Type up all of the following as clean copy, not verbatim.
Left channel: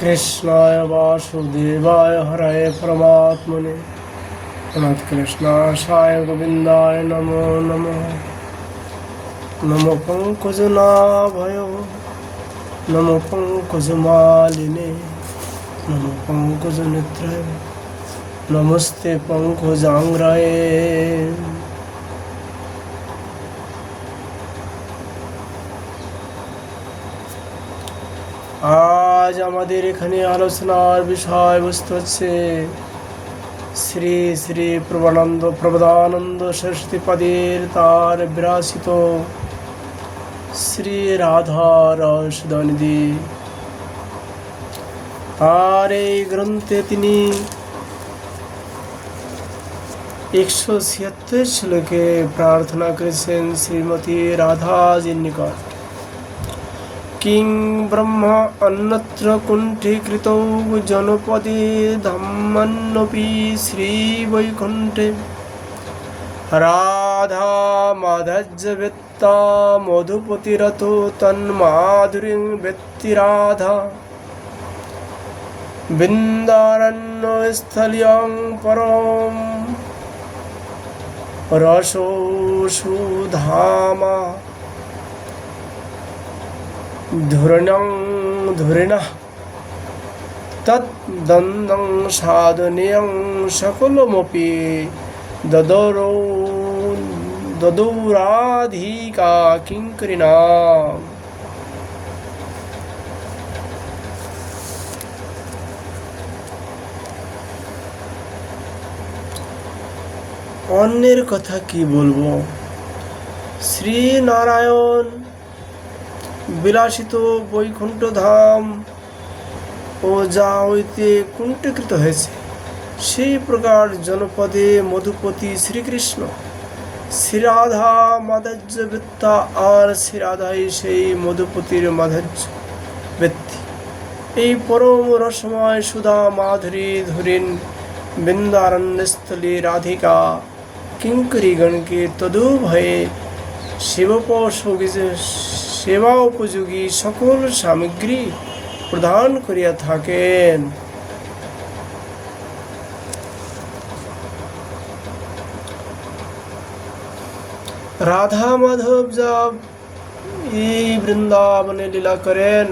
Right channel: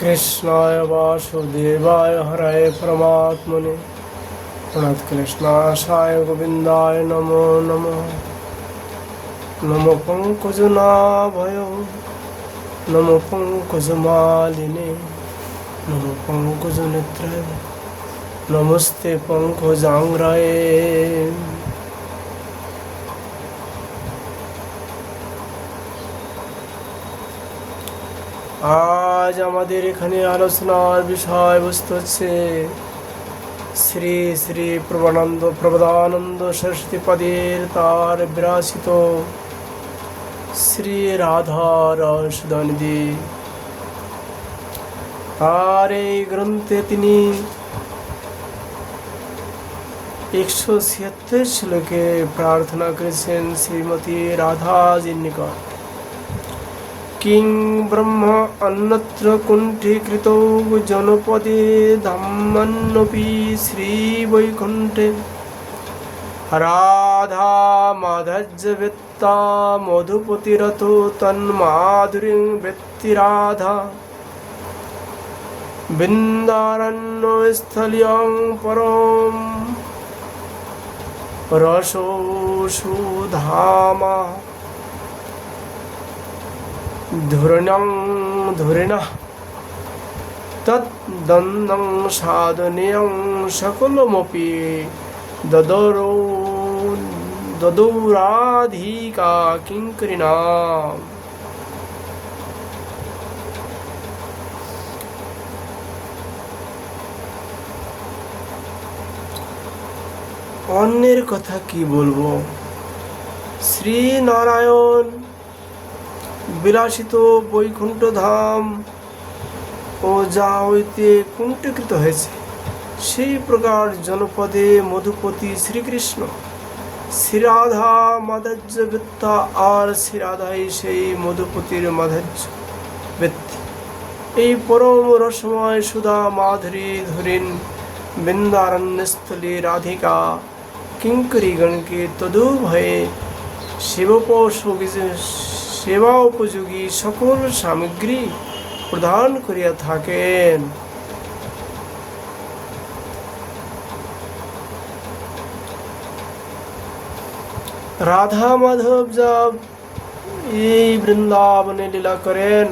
कृष्णाय वासुदेवाय हरये परमात्मने कृष्णाशाय गोविन्दाय नमो नमः। नमो पंकजनाभय नमो पंकजमालिने नमो पंकजनेत्रे नमस्ते पंकजांग्राये। আজ আমাদের এখানে আলোচনার বিষয়বস্তু হচ্ছে শ্রী শ্রী প্রবোধানন্দ সরস্বতীপদের তার বিরাসিত শ্রী রাধা রসদানিধি। আর এই গ্রন্থে তিনি 176 শ্লোকে প্রার্থনা করেছেন শ্রীমতী রাধাজির নিকট। কিং ব্রহ্ম অন্যত্র কুণ্ঠীকৃতৌ জনপদে ধাম্মান্নপি শ্রীবৈকুণ্ঠে রাধা মাধজ্জবেত্তা মধুপতিরথ তন্মাধুরীং বেত্তি রাধা বৃন্দারণ্যস্থলিয়ং পরম রসোষুধামা ধুরিণঃ তদ্দন্দং সাধুনিয়ং সকলমপি দদৌরাধিকা কিঙ্করিণাম। অন্যের কথা কি বলবো, শ্রী নারায়ণ বিলাসিত বৈকুণ্ঠ ধাম ও যা হইতে কুণ্ঠীকৃত হয়েছে সেই প্রকার জনপদে মধুপতি শ্রীকৃষ্ণ শ্রীরাধা মাধুর্য বৃত্তা, আর শ্রীরাধাই সেই মধুপতির মাধুর্য বৃত্তি। এই পরম রসময় সুধা মাধুরী ধুরিন বৃন্দারণ্যস্থলী রাধিকা কিঙ্করীগণকে তদুভয়ে সেবা উপযোগী সকল সামগ্রী প্রদান করিয়া থাকেন। রাধা মাধব যা এই বৃন্দাবনে লীলা করেন,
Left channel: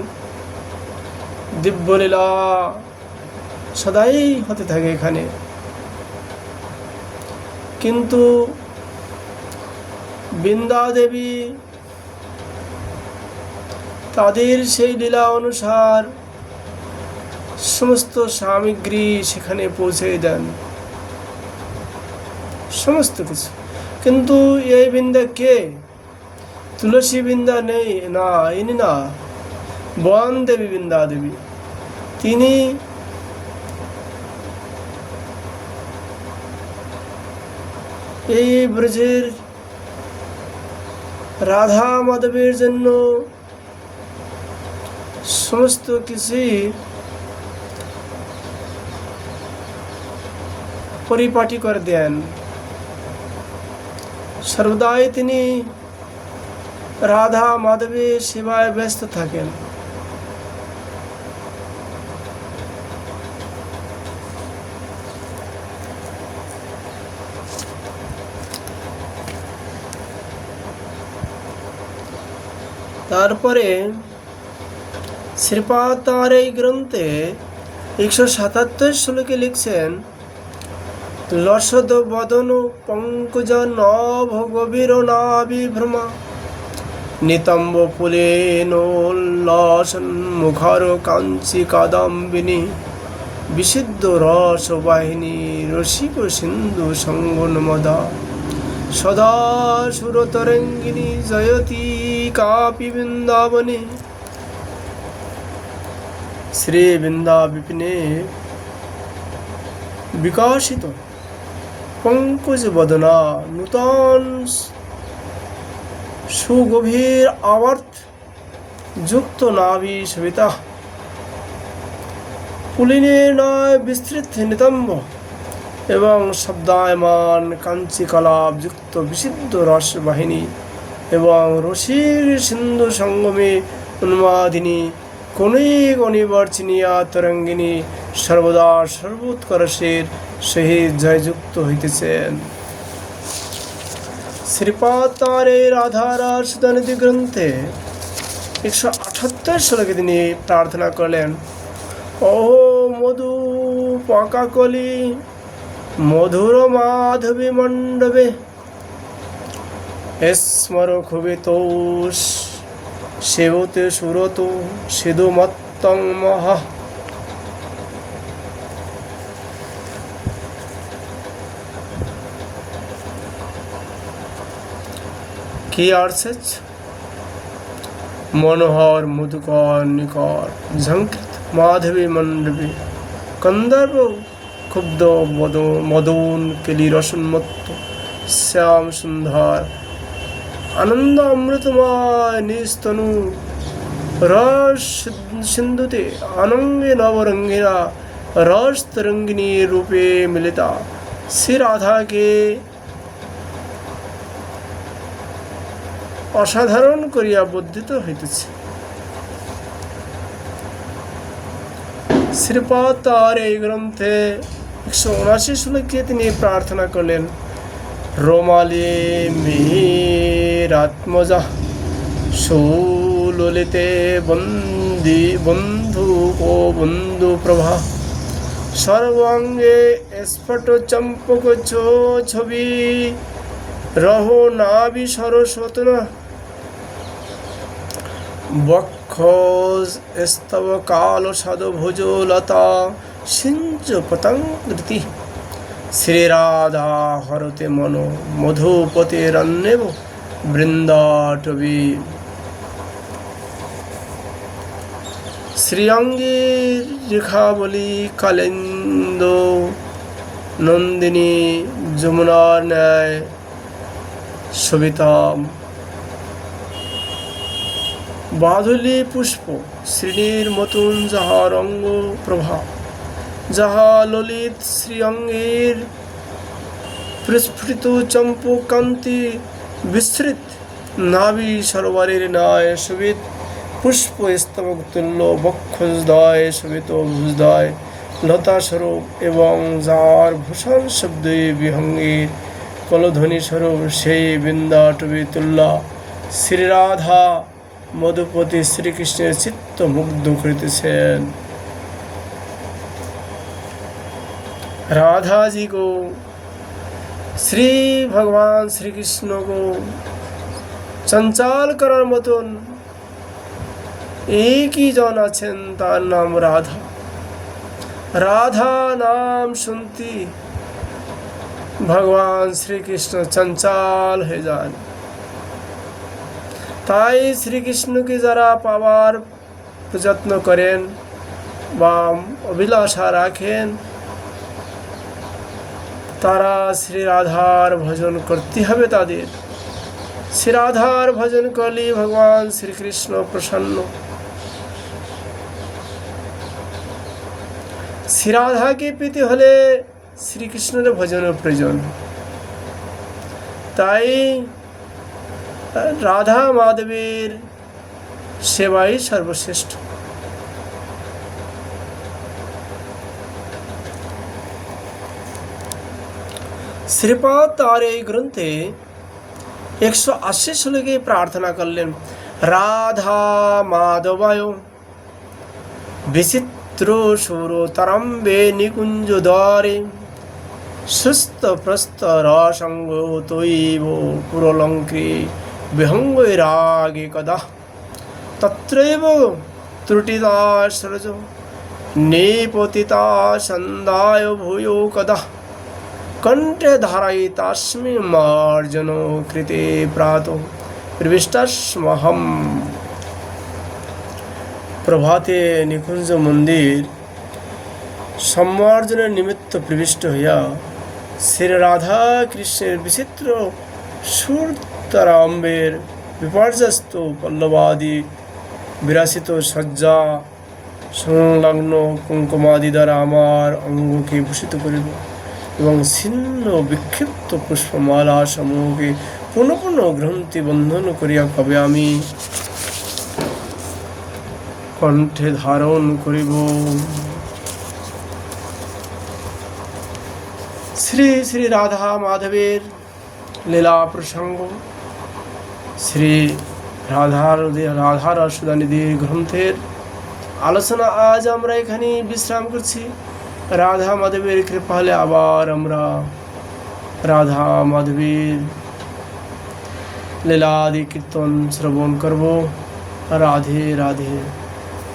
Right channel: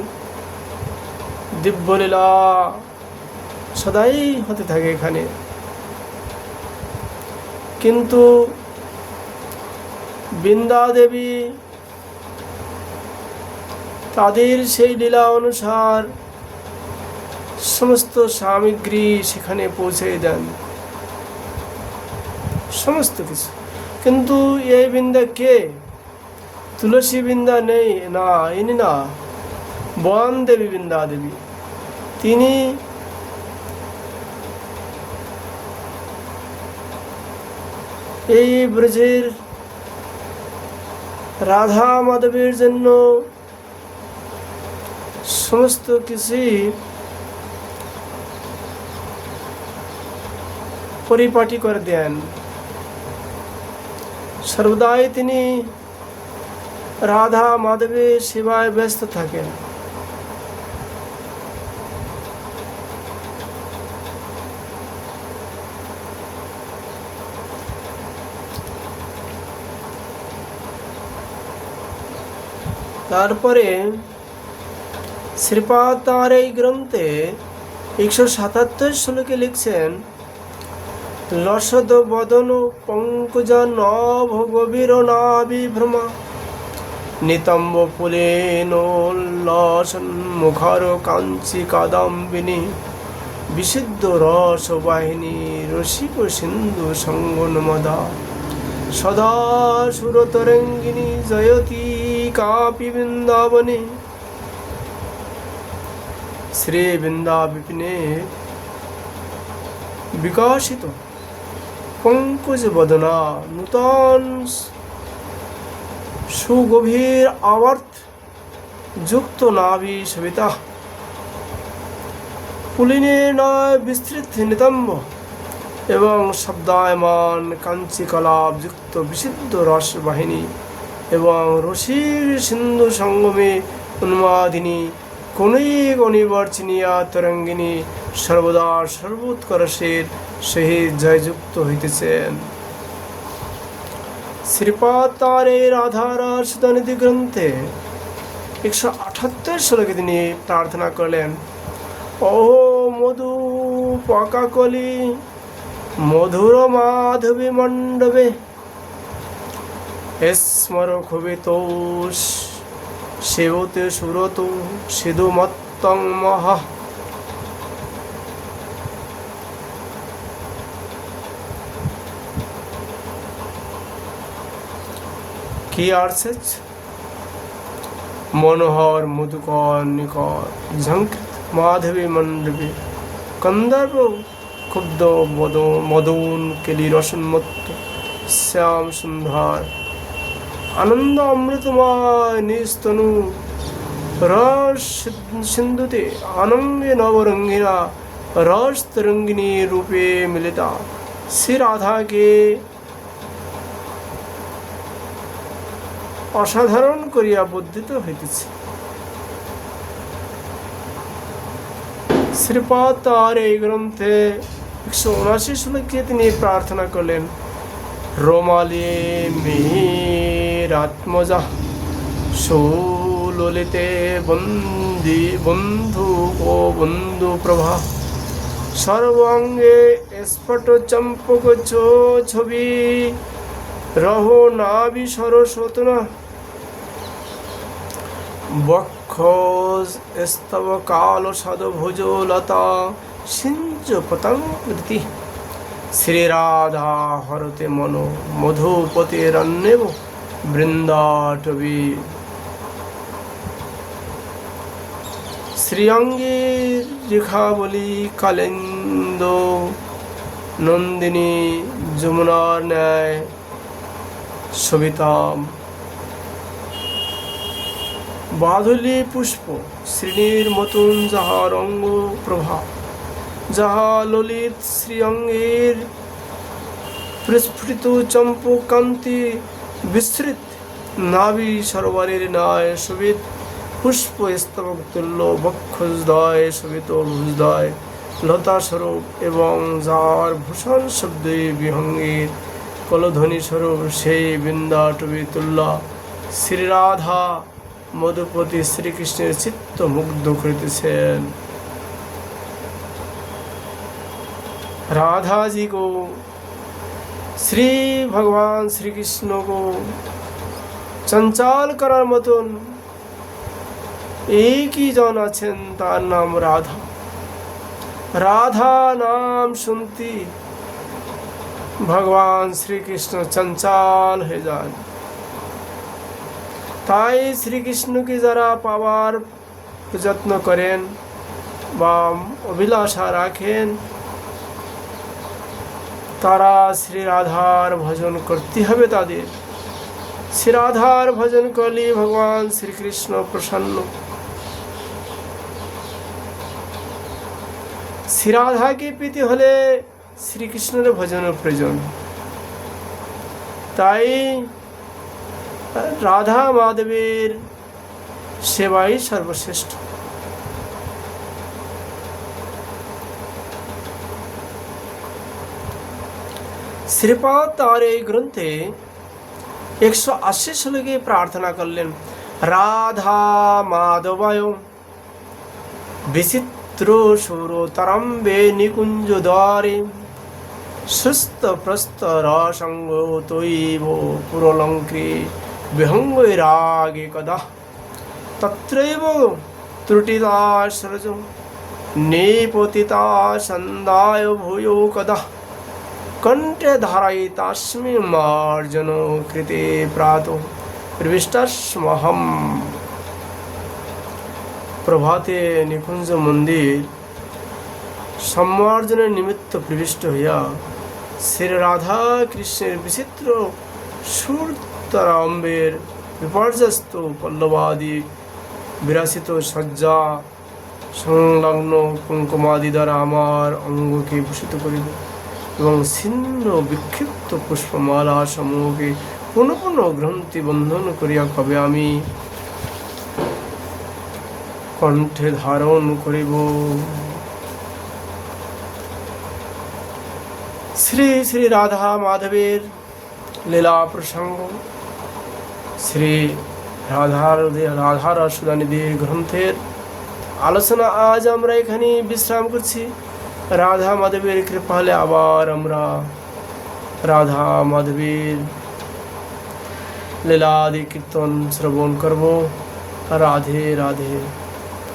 দিব্য লীলা সদাই হতে থাকে এখানে। কিন্তু বৃন্দা দেবী তাদের সেই লীলা অনুসার সমস্ত সামগ্রী সেখানে পৌঁছে দেন, সমস্ত কিছু। কিন্তু এই বৃন্দা কে? তুলসী বৃন্দা নেই না, ইনি না, বন দেবী বৃন্দা দেবী। তিনি এই ব্রজের রাধা মাধবের জন্য সমস্ত কিছু পরিপাটি করে দেন। সর্বদাই তিনি রাধা মাধবের সেবায় ব্যস্ত থাকেন। তারপরে শ্রীপাদ তাঁর এই গ্রন্থে 177 শ্লোকে লিখছেন, লসদ বদন পঙ্কজ নভ গভীর নাভিভ্রমা নিতম্ব পুলেনোল্লাসন মুখর কাঞ্চি কাদম্বিনী বিশুদ্ধ রস বাহিনী রসিক সিন্ধু সঙ্গনমদা সদা সুরতরঙ্গিনী জয়তী কাপি বৃন্দাবনে। শ্রী বৃন্দা বিপিনে বিকাশিত পঙ্কজ বদনা নূতন সুগভীর আবর্ত যুক্ত নাভি সবিতা পুলিনে নয় বিস্তৃত নিতম্ব এবং শব্দায়মান কাঞ্চি কলাপ যুক্ত বিশুদ্ধ রস বাহিনী এবং রসিক সিন্ধু সঙ্গমে উন্মাদিনী কণিক অনিবার চিনিয়া তরঙ্গিনী সর্বদা সর্বোৎকর্ষের সহিত জয়যুক্ত হইতেছেন। শ্রীপাদ তার এই রাধারাস সুধানিধি গ্রন্থে 178 শ্লোকে তিনি প্রার্থনা করলেন, ও মধু পাকাকলি মধুর মাধবী মণ্ডপে স্মর ক্ষুবিতোষ সেবতে সুরত সিধুমত্তং মহা। কি আর্সেজ মনোহর মধুকর নিকর ঝঙ্কৃত মাধবী মণ্ডপে কন্দর্প ক্ষুব্ধ মদন কেলি রসন্মত্ত শ্যাম সুন্দর আনন্দ অমৃতময় নিস্তনু রস সিন্ধুতে আনন্দে নবরঙ্গিনা রস তরঙ্গিনী রূপে মিলিতা শ্রী রাধাকে অসাধারণ করিয়া বর্ধিত হইতেছে। শ্রীপাদ তার এই গ্রন্থে 179 শ্লোকে তিনি প্রার্থনা করলেন, রোমালি মিহিরাত্মজা সুললিতে বন্ধু ও বন্ধু প্রভা সর্বাঙ্গে স্ফট চম্পক ছবি রহ নাভি সরস্বতনা বক্ষ স্তব কাল সদভুজ লতা সিঞ্চ পতঙ্গতি শ্রীরাধা হরতে মনো মধুপতিরন্যেব বৃন্দাটবী। শ্রীঅঙ্গীর রেখাবলী কালিন্দ নন্দিনী যমুনার ন্যায় সবিতাম বাধুলি পুষ্প শ্রেণীর মতন যাহার অঙ্গ প্রভা যাহা ললিত শ্রীঅঙ্গের প্রস্ফুটিত চম্পু কান্তি বিস্তৃত নাভি সরোবরের ন্যায় শোভিত পুষ্প স্তবক তুল্য বক্ষদয় শোভিত ভুজদয় লতা স্বরূপ এবং যার ভূষণ শব্দে বিহঙ্গের কলধ্বনি স্বরূপ সেই বৃন্দাটবী তুল্য শ্রীরাধা মধুপতি শ্রীকৃষ্ণের চিত্ত মুগ্ধ করিতেছেন। राधा जी को শ্রী ভগবান শ্রীকৃষ্ণ को চঞ্চল করার মতন একই জন আছেন, তার নাম রাধা। রাধা নাম শুনতে ভগবান শ্রীকৃষ্ণ চঞ্চল হয়ে যান। তাই শ্রীকৃষ্ণকে যারা পাবার প্রযত্ন করেন বা অভিলাষা রাখেন তারা শ্রী রাধার ভজন করতে হবে। তাদের শ্রী রাধার ভজন করলে ভগবান শ্রীকৃষ্ণ প্রসন্ন। শ্রী রাধাকে পেতে হলে শ্রীকৃষ্ণের ভজনের প্রয়োজন। তাই রাধা মাধবের সেবাই সর্বশ্রেষ্ঠ। শ্রীপাদ তার এই গ্রন্থে 180 শ্লোকে প্রার্থনা করলেন, রাধা মাধবায় বিচিত্র সুরতরম্বে নিকুঞ্জ দ্বারে সুস্থ প্রস্থ রসঙ্গ তৈব পুরলঙ্কৃ বিহঙ্গে রাগে কদা তত্রৈব ত্রুটিতা সরজ নিপতিতা সন্দায় ভূয়ো কদা কণ্ঠে ধারাই তাস্মি মার্জন কৃতে প্রাত প্রবিষ্টস্মহম। প্রভাতে নিকুঞ্জ মন্দির সম্মার্জনের নিমিত্ত প্রবিষ্ট হইয়া শ্রী রাধা কৃষ্ণের বিচিত্র সুরতরাম্বের বিপর্যস্ত পল্লবাদি বিরাসিত সজ্জা সংলগ্ন কুঙ্কুমাদি দ্বারা আমার অঙ্গকে ভূষিত করিব এবং ছিন্ন বিক্ষিপ্ত পুষ্পমালা সমূহকে পুনঃ পুনঃ গ্রন্থি বন্ধন করিয়া কবে আমি কণ্ঠে ধারণ করিব। শ্রী শ্রী রাধা মাধবের লীলা প্রসঙ্গ, শ্রী রাধা রসদানিধি গ্রন্থের আলোচনা আজ আমরা এখানে বিশ্রাম করছি। রাধা মাধবের কৃপা হলে আবার আমরা রাধা মাধবের লীলাদি কীর্তন শ্রবণ করব। রাধে রাধে।